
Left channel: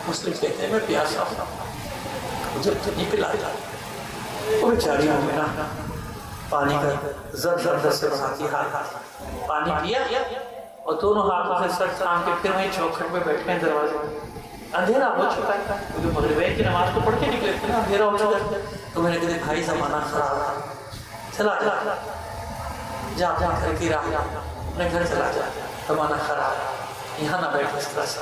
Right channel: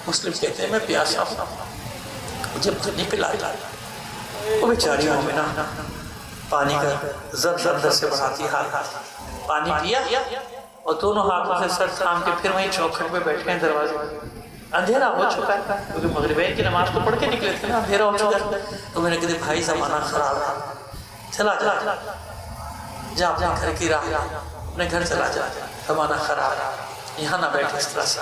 مسلم کہتے ہیں میں پیاسا ہوں، مجھے پانی پلا دے، وہ بیچاری مومنہ پانی کا زد اندر سے بڑھاتی ہاتھ، پانی پیا اور دونوں ہاتھوں سے سر تھام کے پھر وہیں چوکھٹ میں بیٹھ گئے دروازے میں، اندھیرا ہو چکا ہے کیونکہ مغربین کی نماز تو پڑھ کے نکلے تھے نا، اندھیرا ہو چکا ہے، تو میں نے کہا بھائی زمانہ خراب ہے، چلا جا جا اپنے گھر کی راہ، اپنے گھر چلا جا، زمانہ خراب ہے، یہاں نہ بیٹھ اس طرح سے،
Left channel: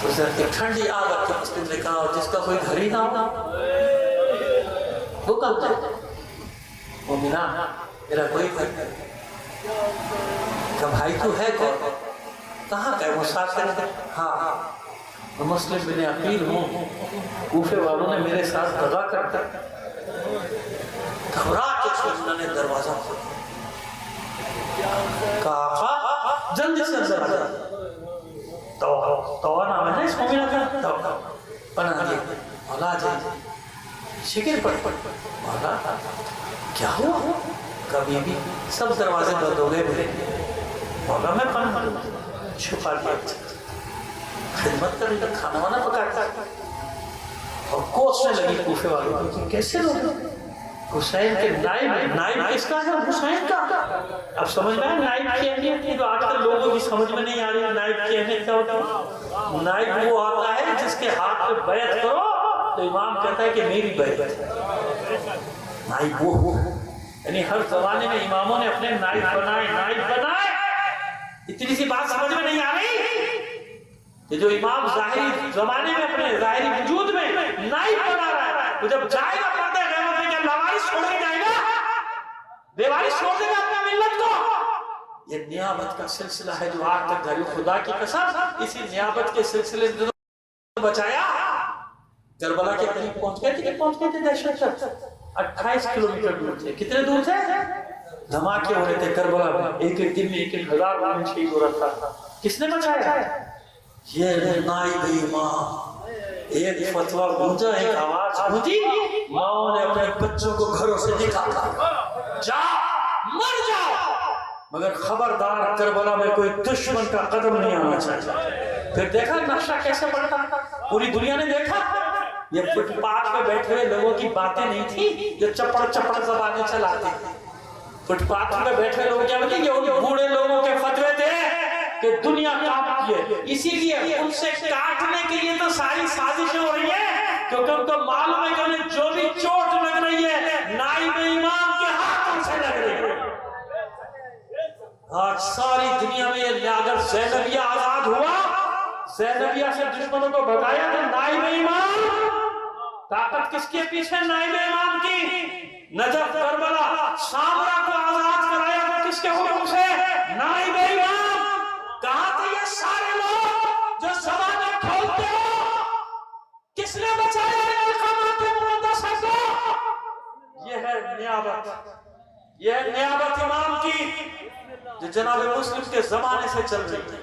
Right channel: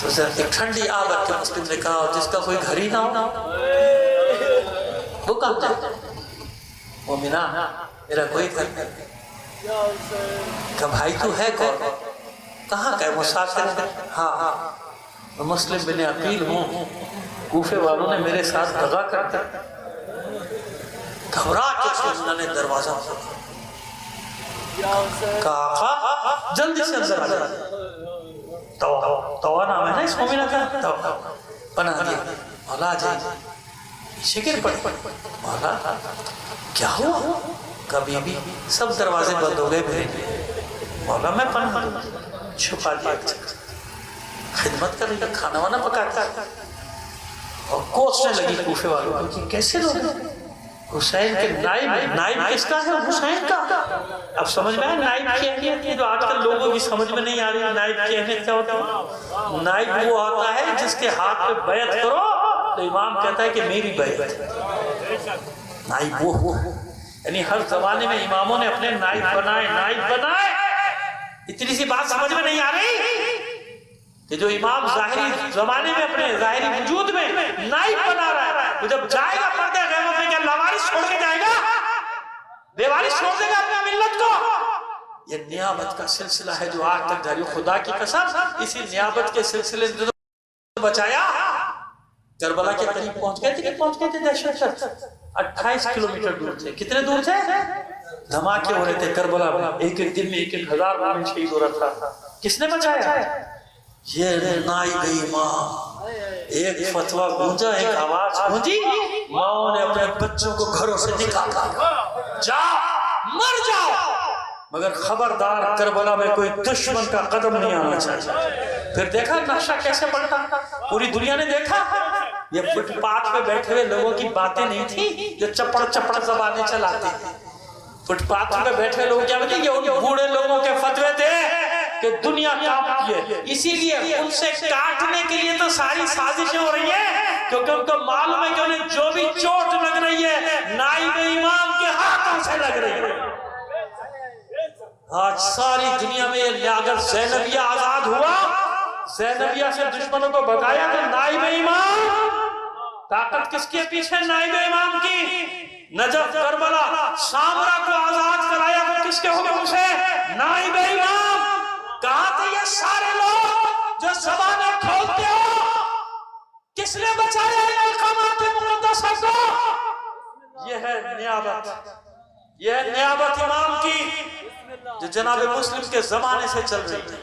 تو ایک ٹھنڈی آگ کے مسلم نے کہا جس کا کوئی گھر ہی نہ ہو وہ کہاں جائے، مومنہ میرا کوئی گھر نہیں، کہ بھائی تو ہے کون، کہاں کا ہے، مسافر ہے، ہاں مسلم بن عقیل ہوں، کوفے والوں نے میرے ساتھ دغا کر دیا، گھبرا کے سوچنا نے دروازہ کھولا، کہا آقا جلدی سے اندر آ جائے، توہ نام ہے نا اس مومنہ کا، توہ پناہ دیا، مولا جائے شکر پڑ، مولا کیا ہوا، کبھی بھی سب دروازے بند ہو گئے میرے لیے، مولا میں پناہ دوں، چھپا دیا، خدمت کر رہی ہے، کھانا وانا پکاتا، اور کوسنے لگی کوفے والوں کی، کیسے لوگ حسین کے نائب کس کا ہے، حسین کا، اب سمجھ میں ہے نائب کی اہمیت ہے، جو آج کل لوگوں کی سمجھ میں نہیں آ رہی نائب کی اہمیت کیا ہوتا ہے، نائب وہ آتا ہے جس کے ہاتھ پہ بیعت کرو تو امام کہتا ہے کہ میری بیعت، نائب وہ، یعنی ہر زمانے میں اماموں نے اپنے نائب بنائے، اتنی سی بات سمجھ میں نہیں آ رہی کہ جو امام ظاہری زمانے میں اپنے ظاہری وجود میں نائب بنا رہا ہے، وہ جب جائے گا پردہ غیبت میں کیا لاوارث چھوڑ کے جائے گا، بے وارث چھوڑ دے گا اپنے ملت کو، یہ نیابت کا سلسلہ ہے جو آج تک جاری، خدا کی قسم اسی نیابت کے سلسلے نے بچایا، کربلا کے قریب پہنچ گئے تھے دہشت گرد، 28 کلومیٹر دور تھے، کتنے دور تھے، دھماکے ہو رہے تھے کربلا میں، ایک ایک دن میں 1,000 مومن شہید ہو رہا تھا، کس نے بچایا، یہ نائب امام، ایک فتویٰ گونجا، ایک آواز گونجی، ماؤں نے اپنے بچوں کو گھروں سے نکالا، جا مر جاؤ، مگر خبردار کربلا میں کوئی دشمن کا قدم نہیں آنا چاہیے، پھر دیکھا نقشہ کیسے پڑتا، پوری دنیا نے دیکھا، یہ فٹ پاتھ پہ بیٹھے ہوئے لوگوں کی باتیں نہیں تھی جو چپڑ زبانیں چلاتے ہیں، فٹ پاتھ پہ بیٹھے لوگ کیا بتائیں، یہ ان بوڑھے لوگوں کے فتوے تھے کہ دنیا کانپتی ہے، اسی لیے ان سے کاٹنے کے لیے تو ساری سازشیں ہو رہی ہیں، کیونکہ ان کو معلوم ہے کہ انہیں جو بھی چوٹ لگ رہی ہے نائب امام کے ہاتھوں سے لگ رہی ہے، آج ساری دنیا میں اگر زینبیہ آزاد ہوا، زینبیہ سے دشمنوں کو بھگایا تو نائب امام، طاقت کس کے پیچھے، نائب امام کی، نجف کربلا سامرا کو آزاد کرایا تو کس کے حکم سے، نائب امام، کہاں تھے یہ سارے لوگ جو زبانیں کھولتے ہو، کس نے بچایا ان مقامات مقدسہ کو، یہ ہے نیابت، یہ ہے نیابت امام کی جو جناب مسلم کے زمانے سے چل رہی ہے،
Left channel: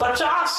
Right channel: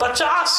50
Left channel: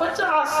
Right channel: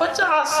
50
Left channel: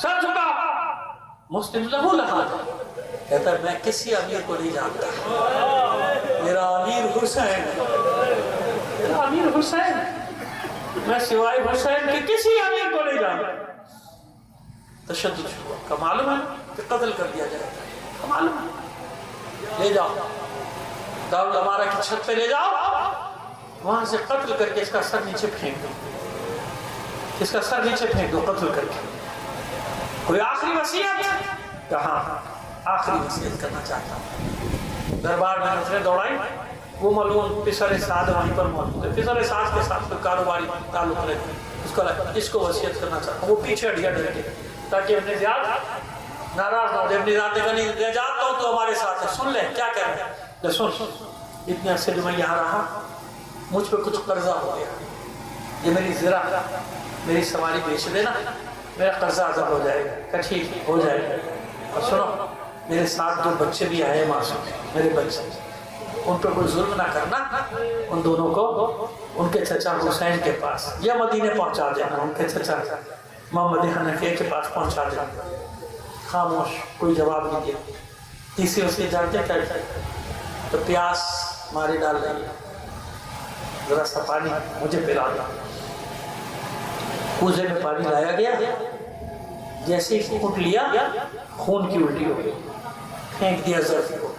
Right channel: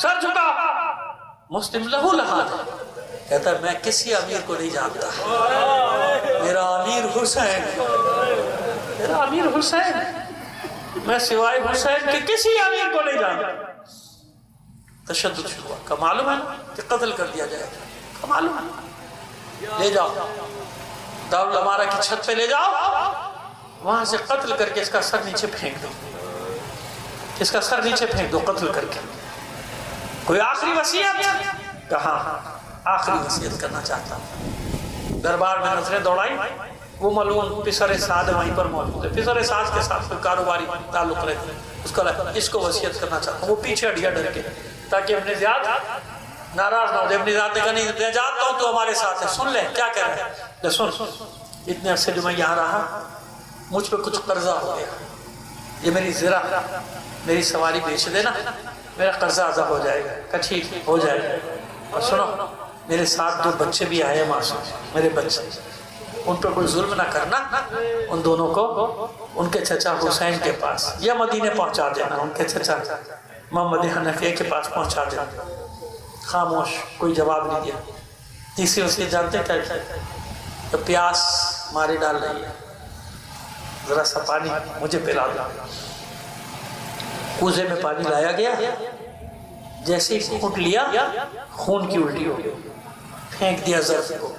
سر جھکا. مسلم لہو لحاظ کہتا ہے میں کسی امیر کو نہیں جانتا, میرا امیر حسین, میرا امیر حسین, میں سوائے حسین کے کسی امیر کو نہیں جانتا. تشدد ہوا کا معلوم ہے کہ قتل کر دیا جائے گا, کا معلوم ہے. لے جاؤ دارالامارہ کی چھت پہ لے جاؤ, وہاں سے قتل کر کے اس کا سر نیچے پھینک دو, اس کا سر نیچے پھینک دو قتل کر کے. کوئی آخری وصیت؟ کہاں آخری وصیت کرنا چاہتا ہوں. دربار میں نظریں دوڑائی, وہ ملعون پسر سعد وہیں پر موجود ہے. پسر سعد کے ساتھ کوئی کاروباری تعلق رہتے, اس کو وصیت کرنا چاہتا ہوں. وہ پیچھے ہٹ گیا ڈر کے, تاکہ ابن زیاد ناراض نہ ہو جائے. ابن زیاد نے کہا نہیں میں جانتا ہوں تو ہمارے ساتھ ہے, سن لے کیا کہہ رہے ہیں. سن, اتنے عرصے جو میں یہاں رہا مجھ پہ کچھ قرضہ ہو گیا, یہ میری زرہ میری سواری بیچ دینا, میرا قرضہ ادا ہو جائے گا. کہ ٹھیک ہو جائے گا. اور سنو میرے ساتھ 2 بچے بھی آئے معصوم, میرے بچے, ان پہ کوئی ظلم نہ کرنا. ان دونوں کو ان کے چچا حسین کے پاس یا مدینے پہنچا دینا, ان کے چچا محمد حنفیہ کے پاس پہنچا دینا. خاموش, کوئی جواب نہیں دیا. تیسری اس کے جانتے کیا تو پیاس مارے ڈال رہی ہے, ذرا سا پانی مجھے پلا دو. کوزے میں پانی لایا گیا, جیسے ہی گھونٹ لیا خون کی الٹی ہو گئی, پھینک دیا ظرف کو.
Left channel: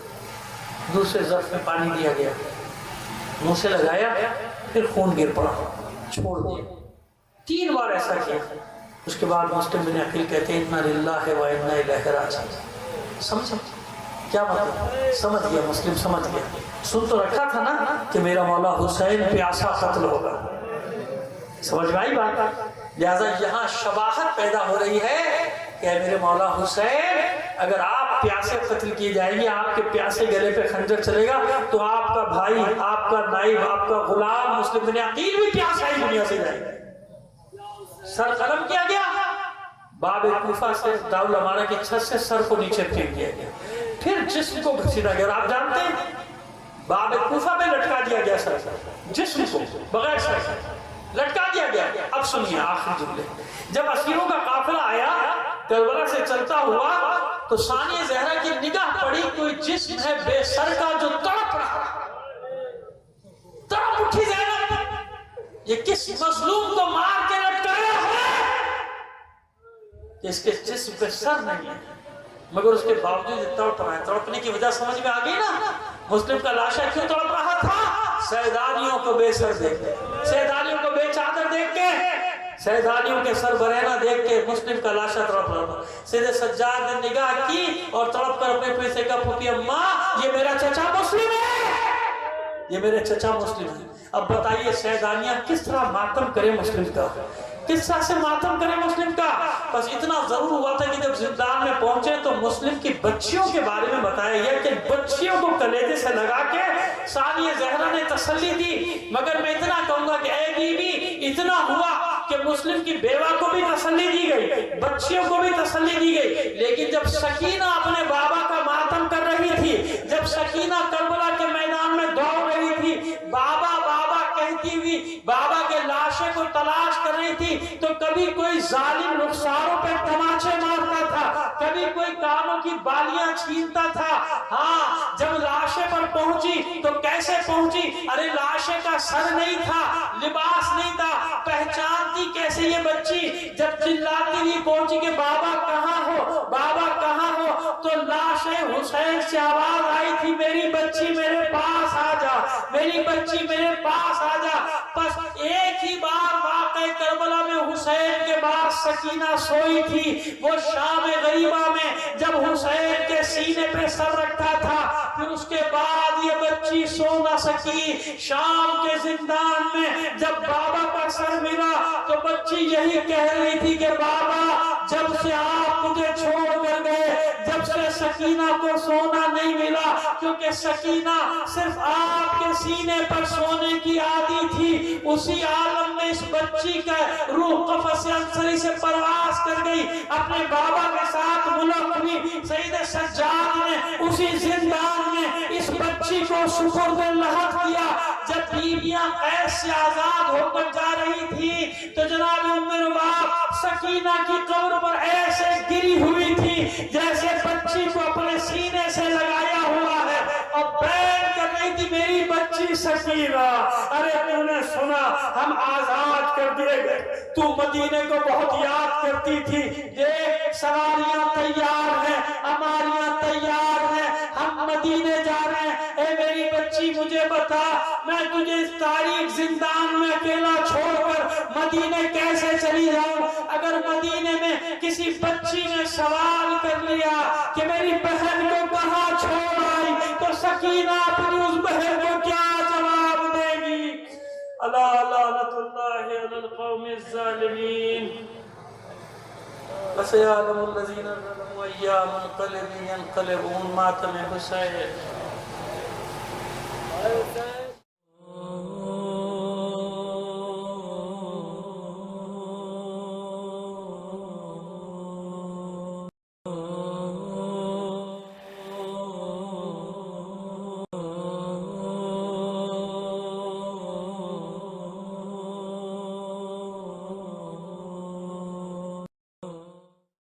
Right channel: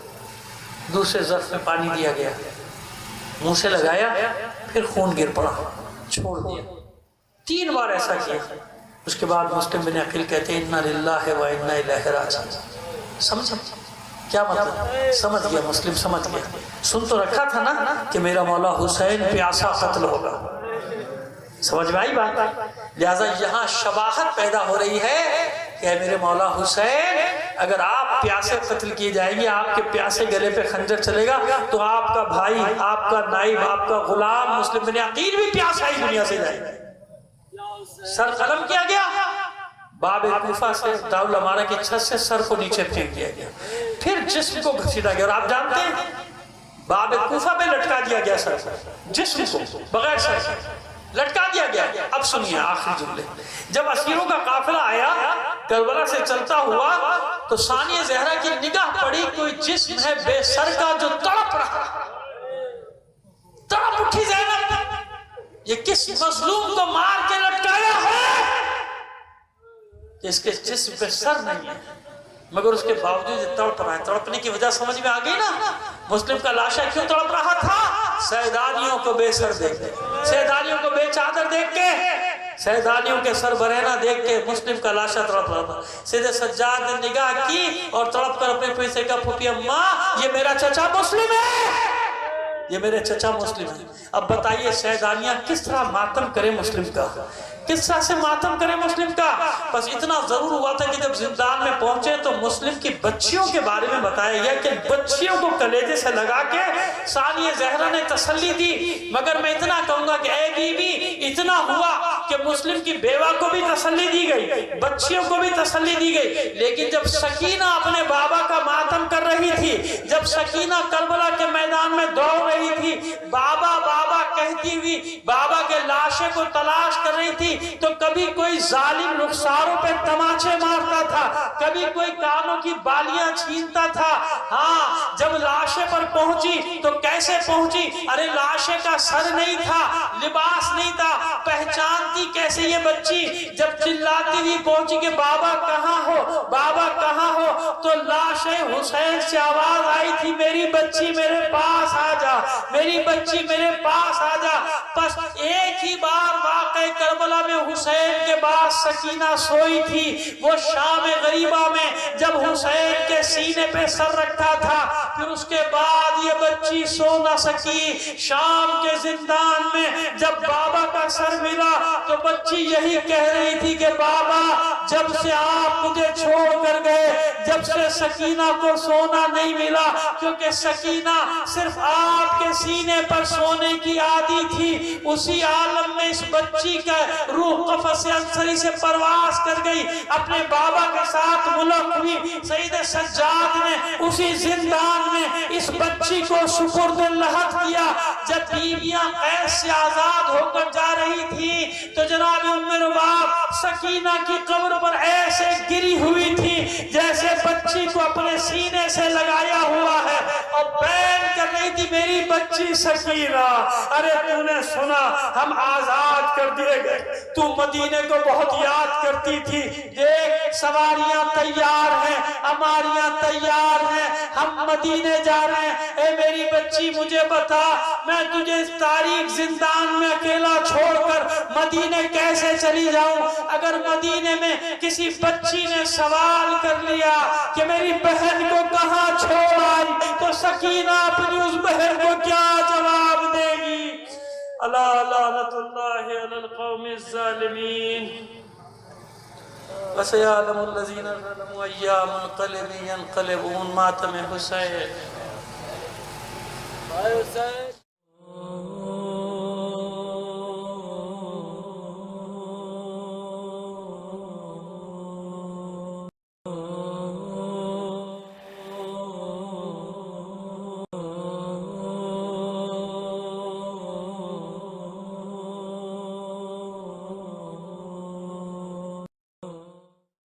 دوسرے ظرف میں پانی دیا گیا, منہ سے لگایا, پھر خون گر پڑا, چھوڑ دیا. 3 بار ایسا کیا. اس کے بعد مسلم بن عقیل کہتے ہیں انا للہ و انا الیہ راجعون. سمجھ کیا مطلب؟ سمجھ گیا مسلم, سمجھ گیا. سن تو رکھا تھا نا کہ میرا مولا حسین پیاسا قتل ہوگا. سمجھ میں آئی بات؟ لہذا یہاں شباہت پیدا ہو رہی ہے کہ میرے مولا حسین اگر آپ پیاسے قتل کیے جائیں گے, آپ کے پیاسے گلے پہ خنجر چلے گا, تو آپ کا بھائی, آپ کا نائب, آپ کا غلام مسلم بن عقیل بھی پیاسا ہی دنیا سے جائے گا. سر قلم کیا گیا, باب کوفہ سے دارالامارہ کی چھت سے سر کو نیچے پھینک دیا گیا, پھر جسم کو گھسیٹا گیا. اور آپ جانتے ہیں باب کوفہ پہ لٹکا دیا گیا سر, جسم کو بغیر سر لٹکا دیا گیا. اب سنیے آخری جملے. جب اسیروں کا قافلہ آیا کربلا سے چلتا ہوا تو ثانیہ زہرا کی نگاہ پڑی, کوئی جسم ہے بے سر کا جو تڑپ رہا. تڑپ اٹھی زینب, یہ کس مظلوم کو مار کے لٹکایا ہے کہ اس کے جسم پہ سر نہیں ہے, مگر اس کے باوجود یہ تڑپ رہا ہے. تڑپنے کی وجہ سمجھ میں آ گئی نا. مسلم کا لاشا کیوں تڑپ رہا تھا؟ سیدانیوں کو بے سر دیکھ کے, سیدانیوں کو بے چادر دیکھ کے, سیدانیوں کے سر برہنہ دیکھ کے مسلم کا لاشا تڑپ رہا تھا. سید سجاد نے نگاہ کی اور تڑپ کر اپنے پیسے کا پھوپھی اماں یہ میرا چچا مسلم ہے, یہ میرے چچا مسلم ہے. اب بتائیے سیدانیہ کس طرح ماتم کرے مسلم کا, کس طرح سے ماتم کرے مسلم کا. بس اتنا ضرور ہوا تھا کہ جب زندان میں پہنچے تو مسلم کی بچیوں کے بارے میں بتایا گیا کہ بچیوں کو کلیجے سے لگا کے ثانیہ زہرا نے تسلی دی. مگر میں اتنا کہوں گا کہ اے بی بی, اتنا ہوا کہ مسلم کی بیوہ کو بھی تسلی دی گئی, بچیوں کو بھی تسلی دی گئی. لیکن جب سکینہ اپنے بابا کا ماتم کر رہی تھی, جب سکینہ کربلا کے میدان میں دوڑ رہی تھی, بابا بابا کہتی ہوئی بابا کے لاشے کو تلاش کر رہی تھی, تو کبھی کوئی ظالم رخساروں پہ تماچے مارتا تھا, کبھی کوئی کانوں کی بالیاں چھینتا تھا. ہاں جب لاشے پر پہنچی تو کیسے پہنچی؟ ارے لاشے کا سر نہیں تھا, لباس نہیں تھا, پہچانتی کیسے یہ بچی؟ جب چلاتی ہوئی پہنچی کہ بابا کہاں ہو, بابا کہاں ہو, تو لاش حسین سے آواز آئی تھی میری بچی میرے پاس آ جا, میری بچی میرے پاس آ جا. بس ایک ہی بار واقع کربلا میں حسین کے بعد سکینہ سوئی تھی, وہ شام غریبہ میں جب حسین کے سینے پہ سر رکھا تھا, پھر اس کے بعد یہ بچی سو نہ سکی. شام کے زندان میں جب بابا کا سر ملا تو بچی یہی کہہ رہی تھی کہ بابا جب سے آپ مجھے چھوڑ کر گئے, جب سے سکینہ سکینہ کو سونا نہیں ملا، کیونکہ سکینہ صرف آپ کے سینے پر سونے کی عادی تھی۔ اسی عالم میں اس بچی کا روح قفس عنصری سے پرواز کر گئی، اپنے بابا کے ساتھ ملک ہوئی۔ سید سجاد نے اسی زندان میں اس بچی کو سپرد لحد کیا۔ جب بیویاں قید سے آزاد ہو کر جا رہی تھی تو جناب ام رباب سکینہ کی قبر پر ایسے گری ہوئی تھی جیسے بچی کو اپنے سینے سے لگایا ہوا ہے، اور بین کر رہی تھی میری بچی سکینہ، ارے تو نے سنا ہم آزاد کر دیے گئے، تو مدینے کو بہت یاد کرتی تھی، دیکھ سواریاں تیار ہیں، ہماریاں تیار ہیں، ہم مدینے جا رہے ہیں، اے میری بچی مجھے بتا میں تجھے اس تاریک زندان میں اکیلا چھوڑ کر مدینے کیسے چلی جاؤں؟ اگر مدینے میں کسی بچی نے سوال کر لیا کہ میری بہن کو کہاں چھوڑ آئی تو سکینہ اپنی اس بہن کو کیا جواب دے گی؟ الا لعنت اللہ علی القوم الظالمین وسيعلم الذين ظلموا أيّ منقلب ينقلبون. ماتم حسین